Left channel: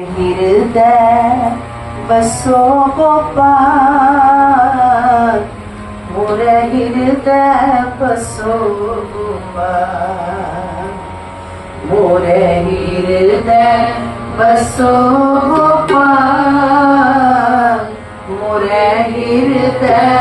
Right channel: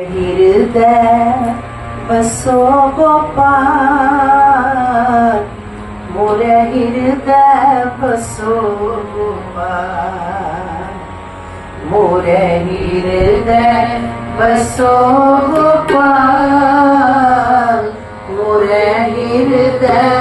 हृदय बसो गोपाल मोर हृदय बसो गोपाल मोर हृदय बसो गोपाल मोर हृदय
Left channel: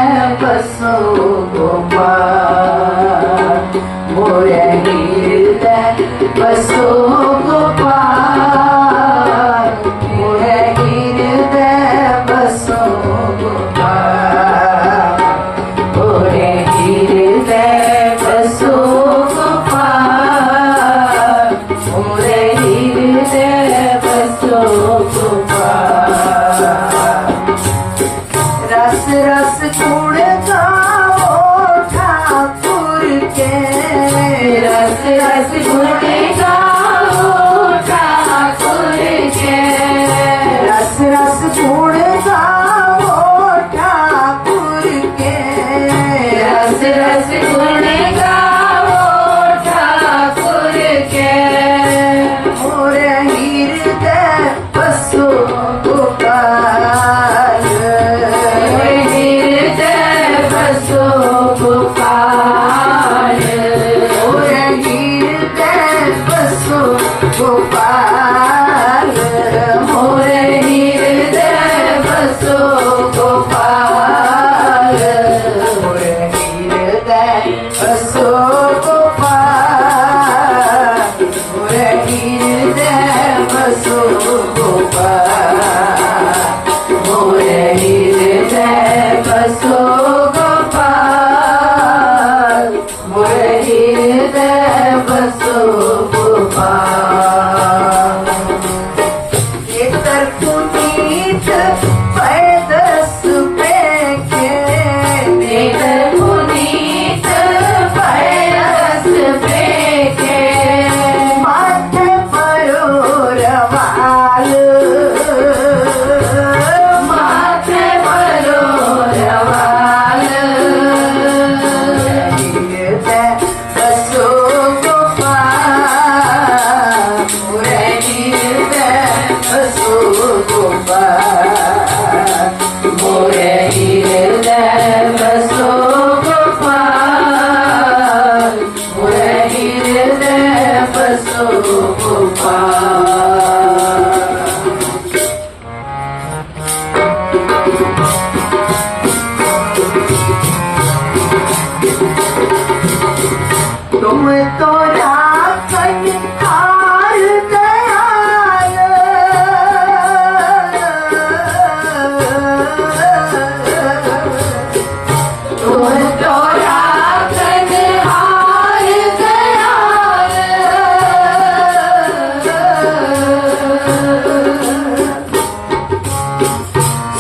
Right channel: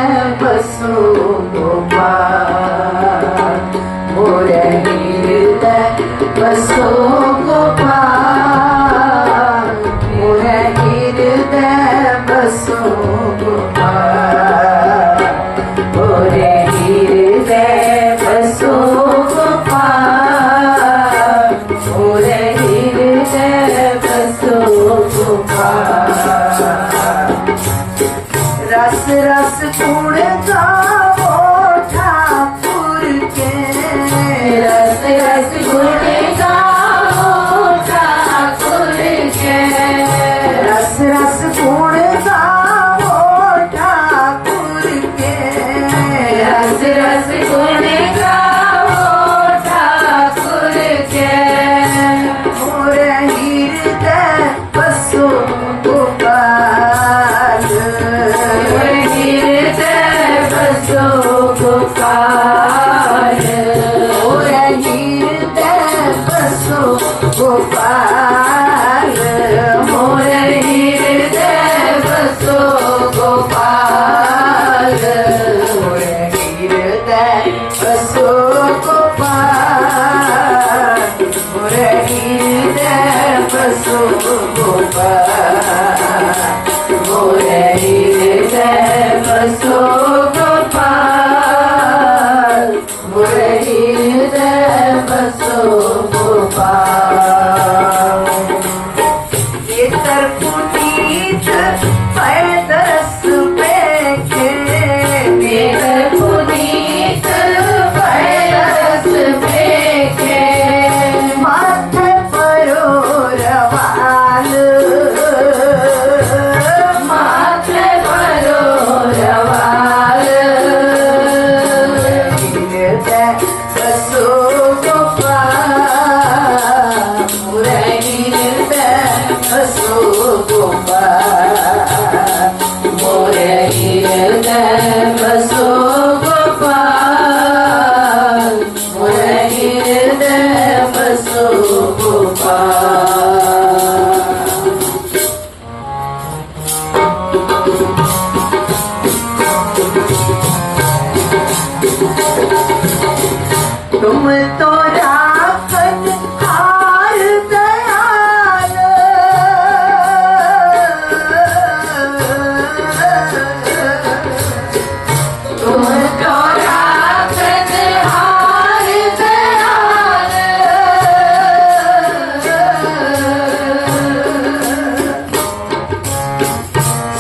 so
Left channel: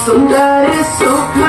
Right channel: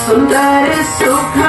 somebody so kind.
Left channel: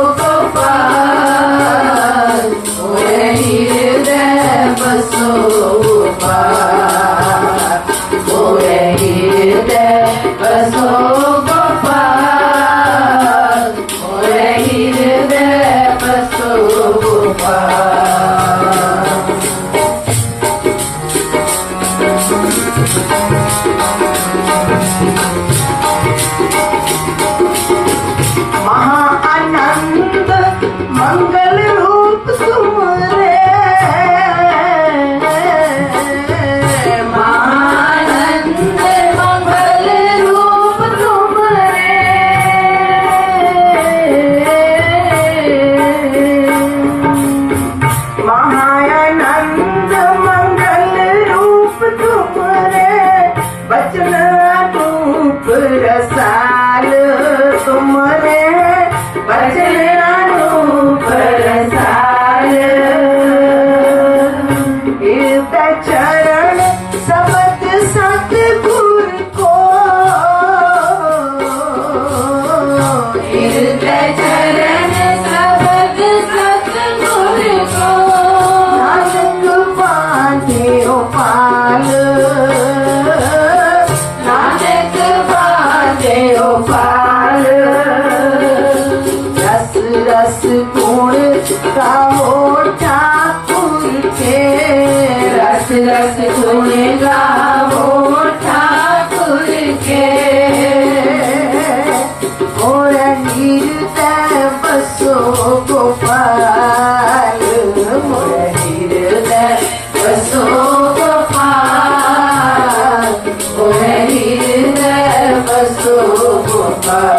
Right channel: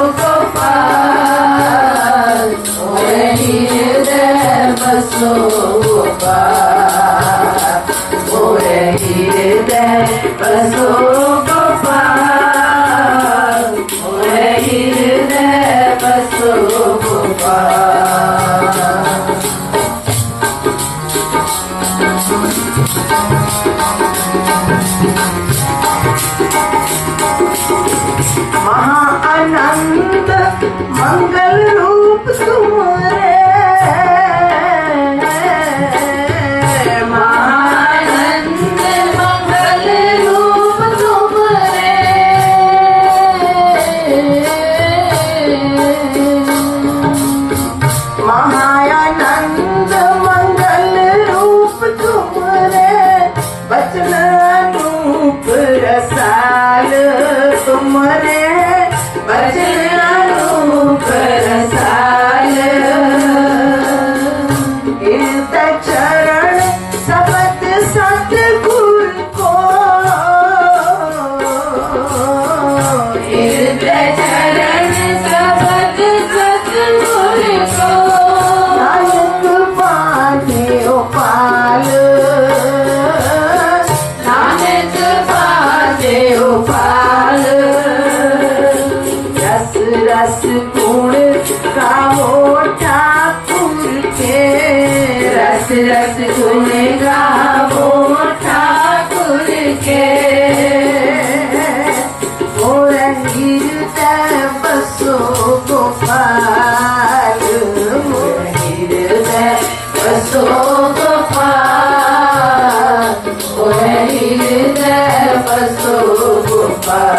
Parece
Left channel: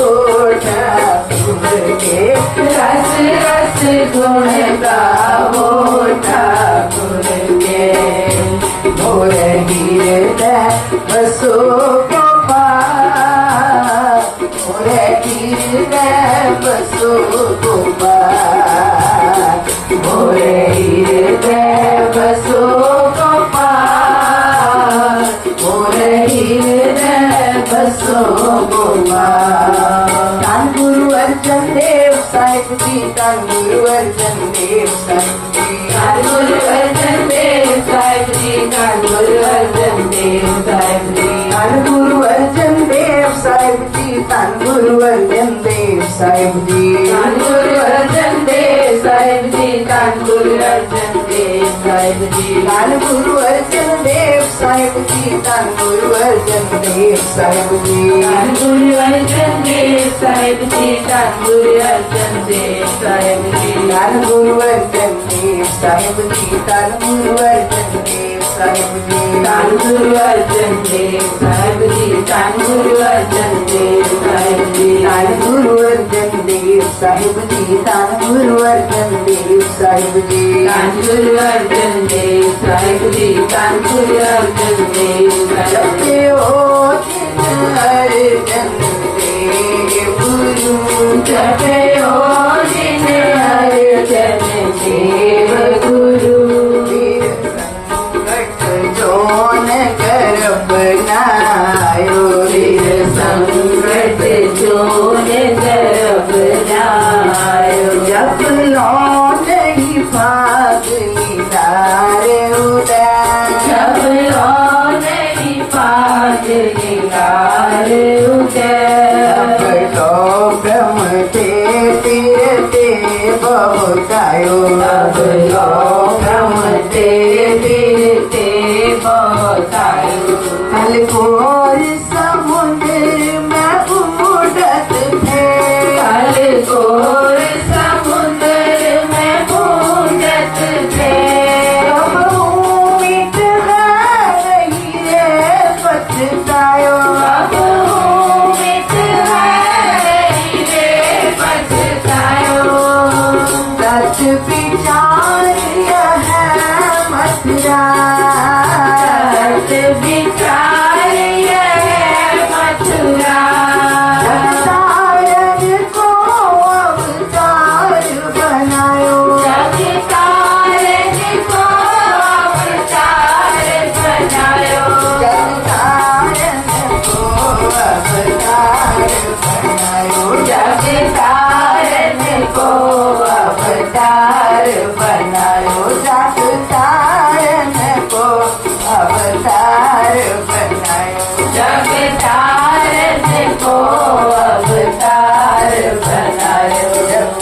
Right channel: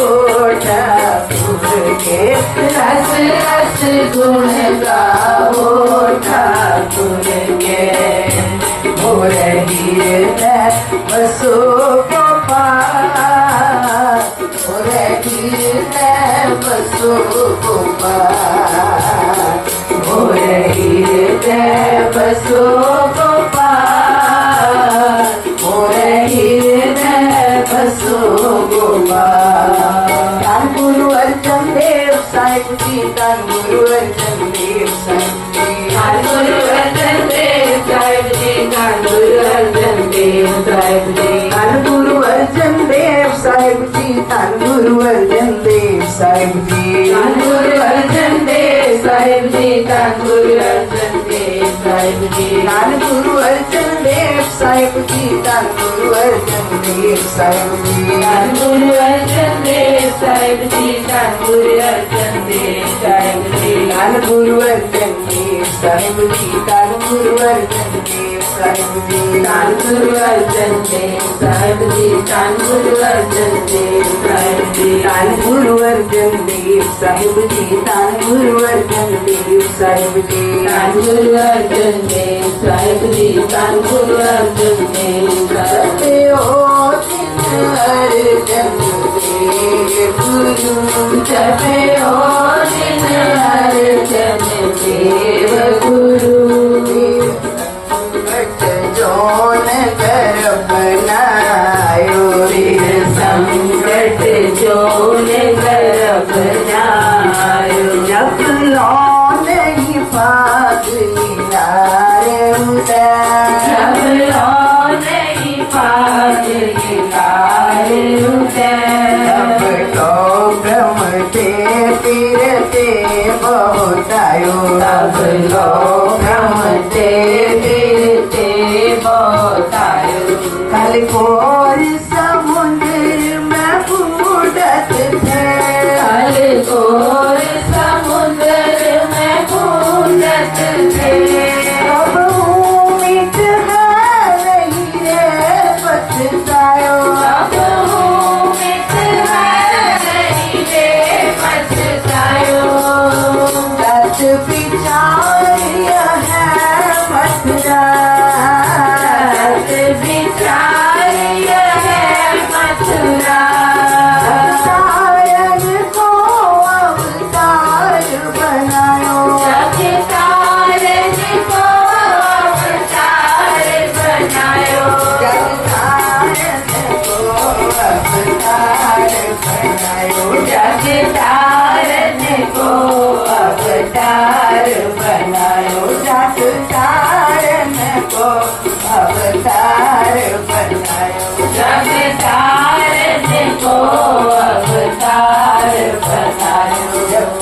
लोटा के रस रस गुण होठा गुण के भोर गिरत बसो गोपा भोर गिरत बसो गोपा साहेबजी तांदूळवर जमले साहेबजी तांदूळवर जमले साहेबजी तांदूळवर जमले साहेबजी. तांदूळवर जमले सर्व शीतल गुरुवर्धन देव देव सर्व शीतल गुरुवर्धन देव सर्व देव सर्व शीतल गुरुवर्धन देव सर्व शीतल Deus é. বিচার বিচার